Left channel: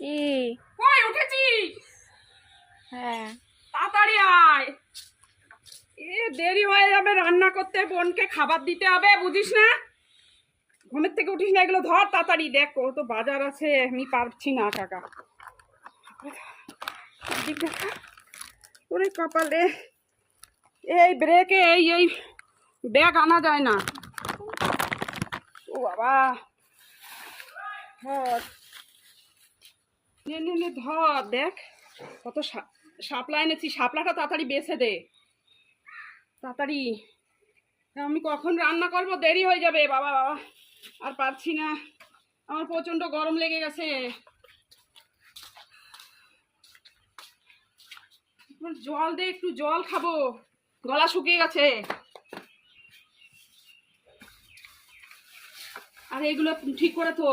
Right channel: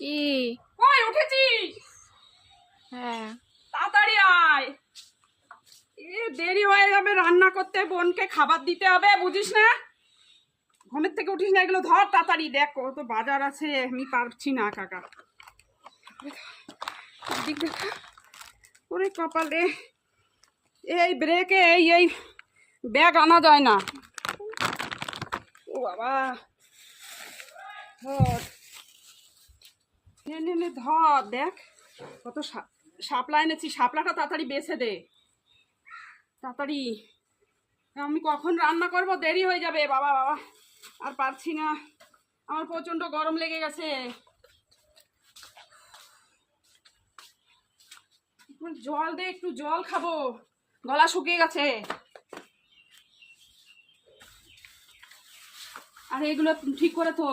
কি? কই উঠেছিস? হ্যাঁ। তাড়াতাড়ি আয়। দেরি হয়ে যাবে রান্না করতে, বোনকে খাবার দিতে হবে, বুঝিস না? ঘুমের থেকে উঠিস না, এগুলো ধর তাড়াতাড়ি। দেখ কত বাজার আছে, আমি পারছি না টাকা। ওরে কপালে, এই ব্রেকে এই ব্যাগ আনা যায় না। ও বাবা, ধর নে ধর। দেখ কত শাপলা এনেছি, শাপলাটা তাড়াতাড়ি বেছে দে তাড়াতাড়ি। আমি কখন রান্না করব, দেরি হয়ে যাবে। বাবা বাবা, আর পারছি না, আমার প্রচন্ড গরম লেগে গেছে। জল দে, একটু জল খাবো, গলা শুকিয়ে গেছে। আর এগুলো ঠিক করে তো।